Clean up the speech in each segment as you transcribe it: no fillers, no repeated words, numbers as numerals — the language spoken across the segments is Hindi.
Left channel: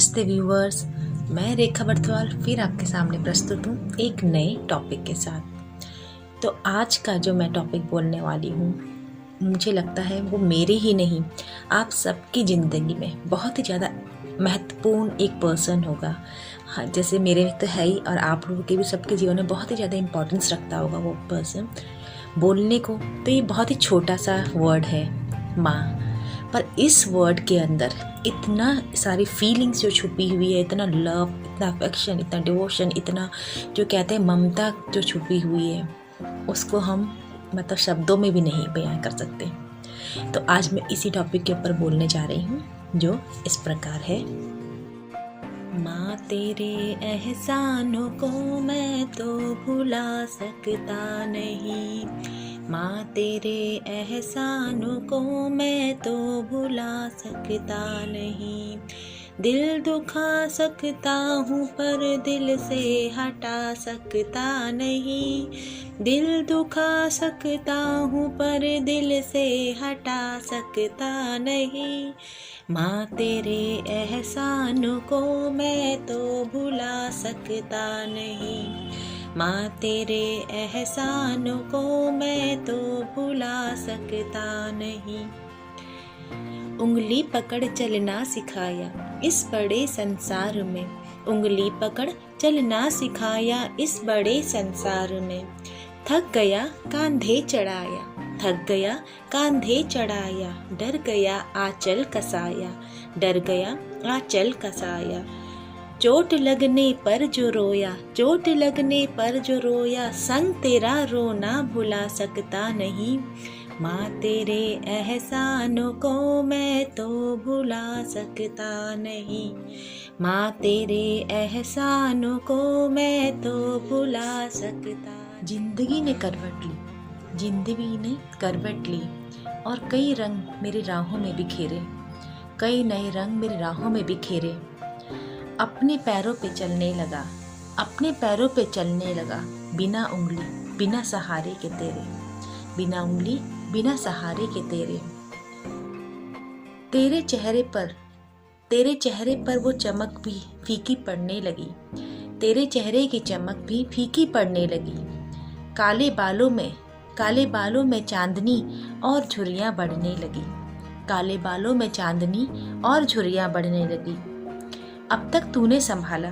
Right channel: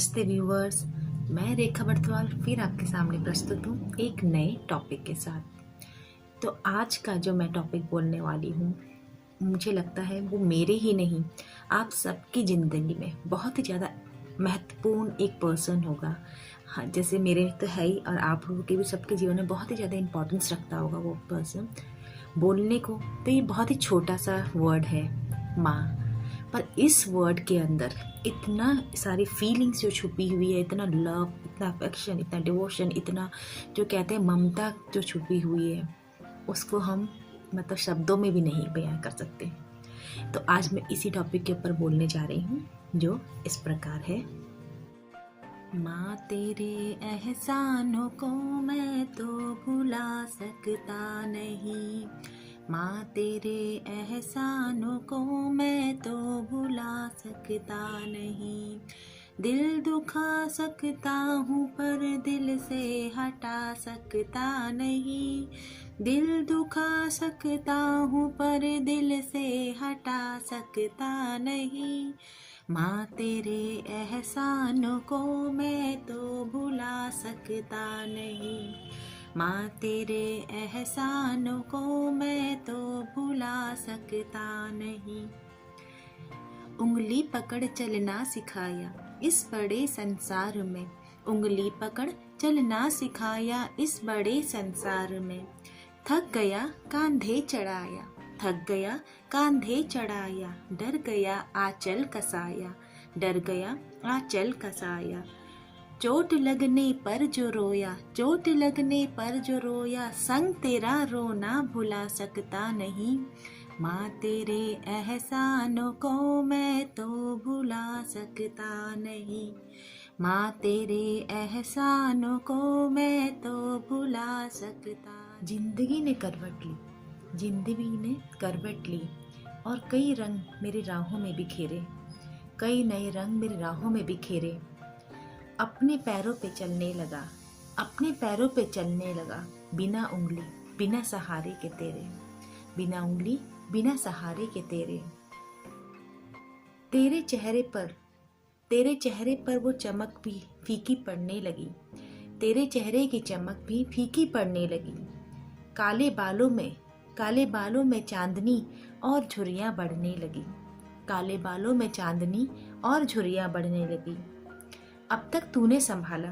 नमस्ते व्यूवर्स, मैं रेखा बर्थवाल फिर आपके सामने प्रस्तुत हूँ एक नए टॉपिक के साथ। तो आज का जो मैं टॉपिक बोलने वाली हूँ, मुझे लगता है वो मेरे ही नहीं, आप सबकी ज़िंदगी में बहुत ही ज़्यादा महत्वपूर्ण एक पर्सन होगा। हाँ, जैसे मेरे तो है ही, और आप लोगों के भी सबके जीवन में बहुत ही ज़्यादा इम्पोर्टेंस रखता होगा वो पर्सन। बोलने को तो ये बहुत ही छोटा सा वर्ड है, माँ, पर इस वर्ड के अंदर इतना सारी फीलिंग्स जो छुपी हुई है, इतना लव, इतना अफेक्शन, इतना डिवोशन, इतना जो कहते हैं ममता जो छुपी हुई है, उसको हम मतलब शब्दों में भी नहीं बयां कर सकते। तो आज मैं इसी टॉपिक के ऊपर बोलने जा रही हूँ, जो इस प्रकार है। माँ तेरे एहसानों को मैं तो भुला सकता नहीं, माँ तेरे एहसानों को मैं तो भुला सकता नहीं। दिल दुखा सकता हूँ पर दिल से हटा सकता नहीं, दिल दुखा सकता हूँ पर दिल से हटा सकता नहीं। माँ तेरे एहसानों को मैं तो भुला सकता नहीं, माँ तेरे एहसानों को मैं तो भुला सकता नहीं। उंगली पकड़ चलना सिखाया इस बड़े संसार में, उंगली पकड़ चलना सिखाया इस बड़े संसार में। थक गया कांधे चढ़ाया, थक गया कांधे चढ़ाया, डर गया आंचल कसाया, डर गया आंचल कसाया। चोट लगने पर जो रोया, चोट लगने पर जो रोया, संग तेरा रोना भुला सकता नहीं। माँ तेरे एहसानों को मैं तो भुला सकता नहीं, माँ तेरे एहसानों को मैं तो भुला सकता। जिंदगी ने करवट ली, जिंदगी ने करवट ली, और कई रंग मेरी राहों में बिखेरे, कई नए रंग मेरी राहों में बिखेरे। अपने पैरों पे चलने लगा, अपने पैरों पे चलने लगा, बिना उंगली बिना सहारे के तेरे, बिना उंगली बिना सहारे के तेरे। तेरे चेहरे पर वो चमक भी फीकी पड़ने लगी, तेरे चेहरे की चमक भी फीकी पड़ने लगी। काले बालों में चांदनी और झुर्रियाँ बढ़ने लगी, काले बालों में चांदनी और झुर्रियाँ बढ़ने लगी। अब तक तूने संभाला,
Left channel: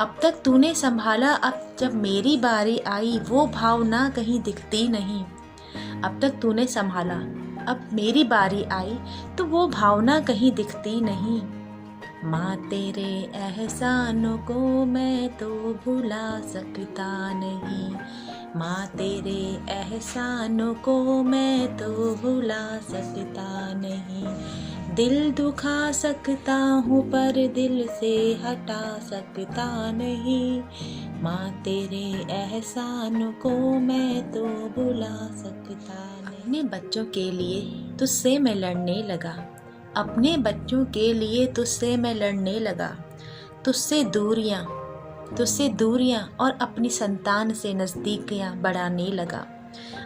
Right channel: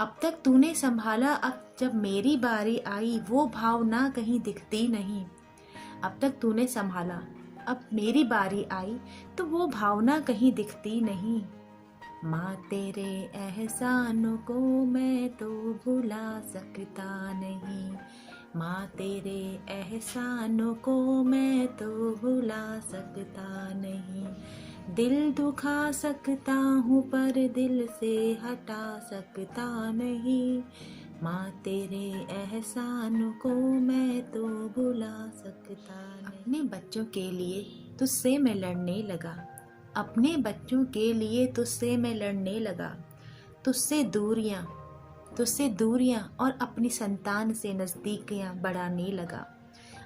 अब तक तूने संभाला, अब जब मेरी बारी आई वो भावना कहीं दिखती नहीं। अब तक तूने संभाला, अब मेरी बारी आई तो वो भावना कहीं दिखती नहीं। माँ तेरे एहसानों को मैं तो भुला सकता नहीं, माँ तेरे एहसानों को मैं तो भुला सकता नहीं। दिल दुखा सकता हूँ पर दिल से हटा सकता नहीं, माँ तेरे एहसानों को मैं तो भुला सकता नहीं। अपने बच्चों के लिए तुझसे मैं लड़ने लगा, अपने बच्चों के लिए तुझसे मैं लड़ने लगा। तुझसे दूरियां और अपनी संतान से नज़दीकियाँ बढ़ाने लगा,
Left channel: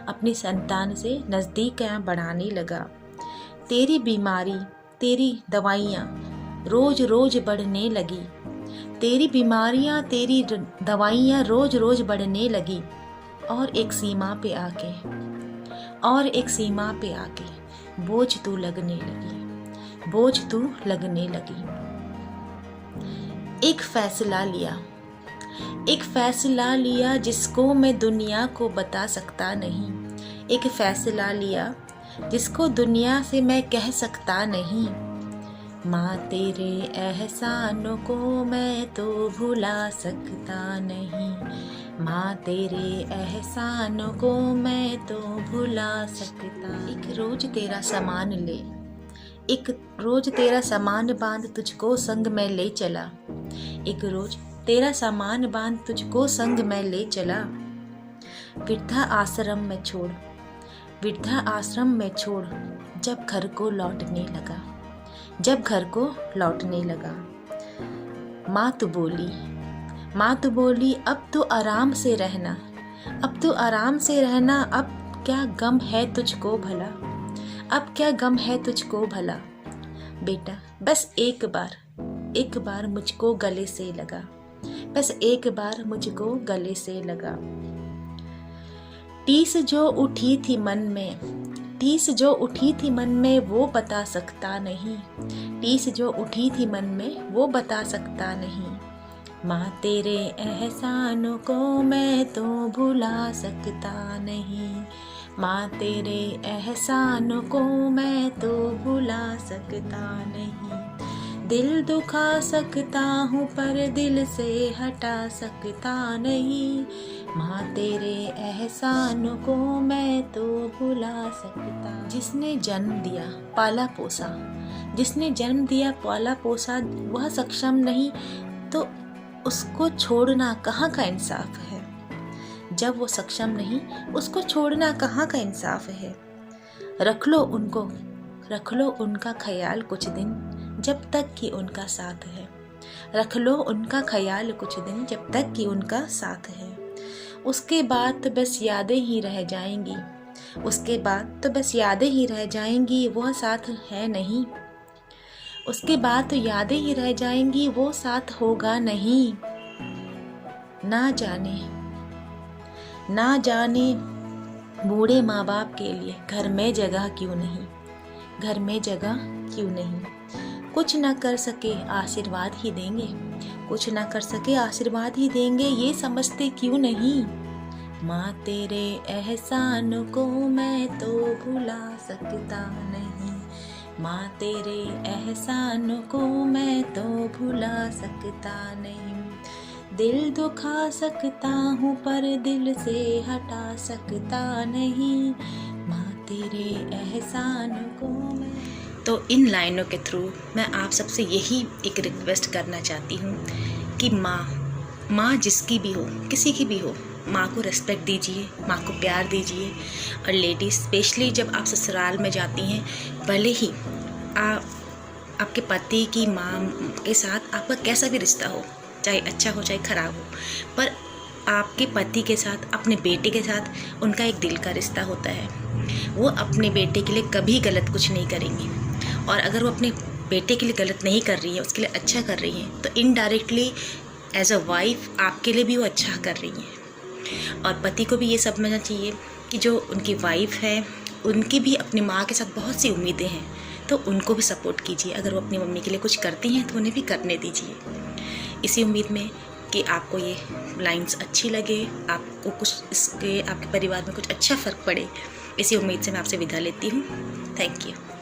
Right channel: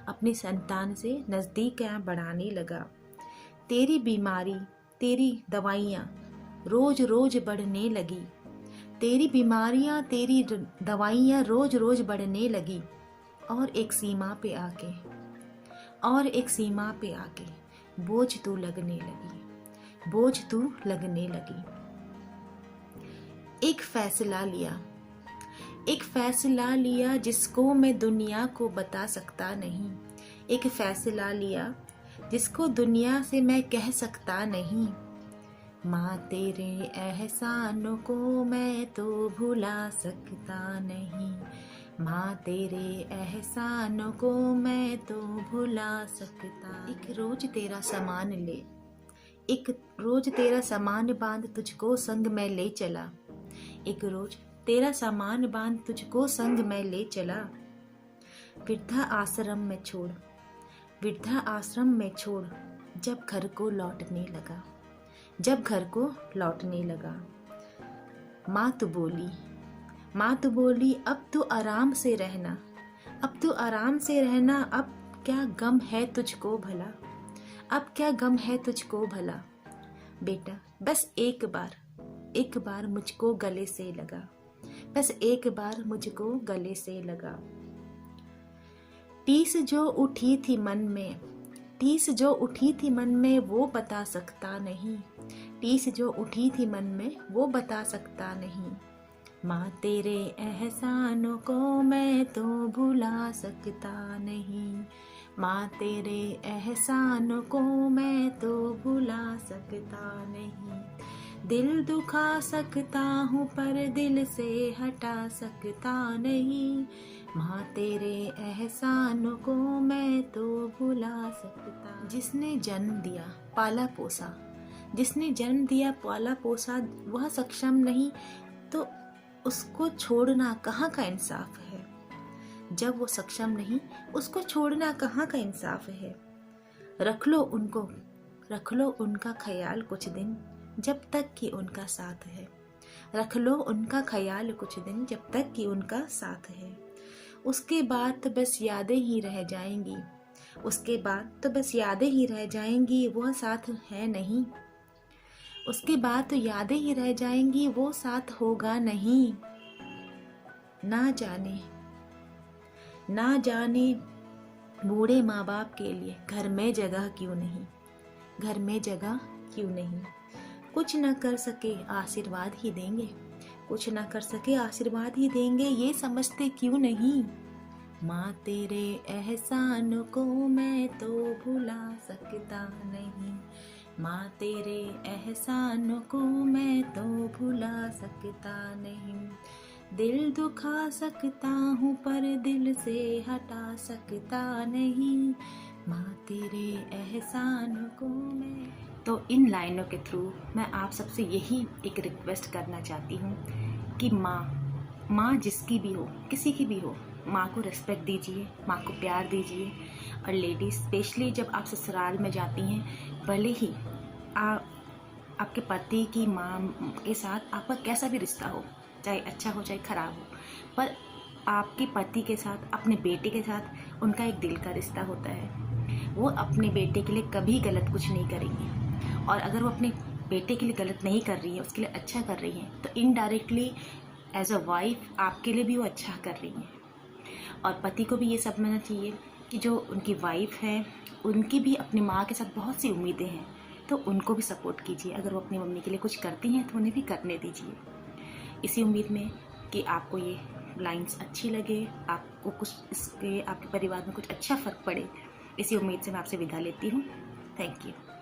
अपनी संतान से नज़दीकियाँ बढ़ाने लगा। तेरी बीमारी तेरी दवाइयाँ रोज रोज बढ़ने लगी, तेरी बीमारियाँ तेरी दवाइयाँ रोज रोज बढ़ने लगी। और एक सीमा पे आके बोझ तू लगने लगी, बोझ तू लगने लगी। एक फैसला लिया जिसको मैं दुनिया को बता सकता नहीं, एक फैसला लिया जिसको दुनिया से मैं कह सकता नहीं। माँ तेरे एहसानों को मैं तो भुला सकता नहीं, माँ तेरे एहसानों को मैं तो भुला सकता। एक रोज तेरा सामान बांध तुझको संग में ले चला, एक रोज तेरा सामान बांध तुझको संग में ले चला। वृद्धा आश्रम में छोड़ जब घर को लौटने लगा। माँ तू बोली अब तो आराम से रहना, अब तो आराम से रहना, अब क्या गम है तुझको भला, अब क्या गम है तुझको भला। बेटा बस एक बार मुझको गले से लगा, बस एक बार मुझको गले से लगा। टीस जो उठी थी मन में, टीस जो उठी थी मन में वो बता सकता नहीं, टीस जो उठी थी मन में वो बता सकता नहीं। माँ तेरे एहसानों को मैं तो भुला सकता नहीं, माँ तेरे एहसानों को मैं तो भुला सकता नहीं। दिल दुखा सकता हूँ पर दिल से हटा सकता नहीं, माँ तेरे एहसानों को मैं तो भुला सकता। जिसने जन्म दिया पाला पोसा, जिसने जन्म दिया पाला पोसा वह सक्षम नहीं तो उसको छोड़ना कहाँ का इंसाफ है। जब वो सक्षम नहीं उसको छोड़ना कहाँ का इंसाफ है। रख लो उनको, रख लो उनका ख्याल कुछ दिन जब तक कि उनका साथ है, रख लो उनका ख्याल कुछ दिन जब तक कि उनका साथ है। उसके बाद तो बस यादें ही रह जाएंगी, उसके बाद तो बस यादें ही रह जाएंगी, वह साथ है नहीं। उसके बाद तो यादें ही रह जाएंगी, वो साथ होगा नहीं। ना जाने, ना जाने बूढ़े माँ बाप के लिए घर में जगह क्यों नहीं, घर में जगह क्यों नहीं। कुछ ना कर सके आशीर्वाद ही देंगे, कुछ ना कर सके आशीर्वाद ही देंगे, ये समझते क्यों नहीं। माँ तेरे एहसान को मैं तो भुला सकता नहीं, माँ तेरे एहसान को मैं तो भुला सकता नहीं। दिल दुखा सकता हूँ पर दिल से हटा सकता नहीं, माँ तेरे एहसान को मैं। तो इन लाइनों के थ्रू मैं आप सबसे यही एक रिक्वेस्ट करना चाहती हूँ कि माँ जिसकी भी हो, किसी की भी हो, माँ को रेस्पेक्ट दीजिए, माँ को प्यार दीजिए। और लेडीज़ स्पेशली जब आप ससुराल में जाती हैं, भले ही आपके पति की माँ के साथ आपका कैसा भी रिश्ता हो, चाहे अच्छा हो चाहे ख़राब हो, पर आपके पति के साथ, अपने बेटे के साथ उनका एक दिल का रिश्ता होता है। वो अपने बेटे के लिए कभी गलत कुछ नहीं करेंगी, और अगर वो अपने बेटे के लिए गलत नहीं कर रही है, उसके लिए अच्छा कर रही हैं, तो इनडायरेक्टली एज अ वाइफ आपके लिए भी वो अच्छा कर रही हैं। और पति को भी ये समझना चाहिए कि जो उनकी वाइफ है उनकी भी अपनी माँ के साथ बहुत सी उम्मीदें हैं, तो उनको भी सपोर्ट कीजिए। अगर वो अपनी मम्मी के लिए कुछ करती हैं तो उन्हें भी करने दीजिए। इसी उम्मीद में कि आपको ये लाइंस अच्छी लगे, आपको कुछ इसके आपके परिवार में कुछ अच्छा फ़र्क पड़े, इसी उम्मीद से मैं आपसे विदा लेती हूँ। Thank you.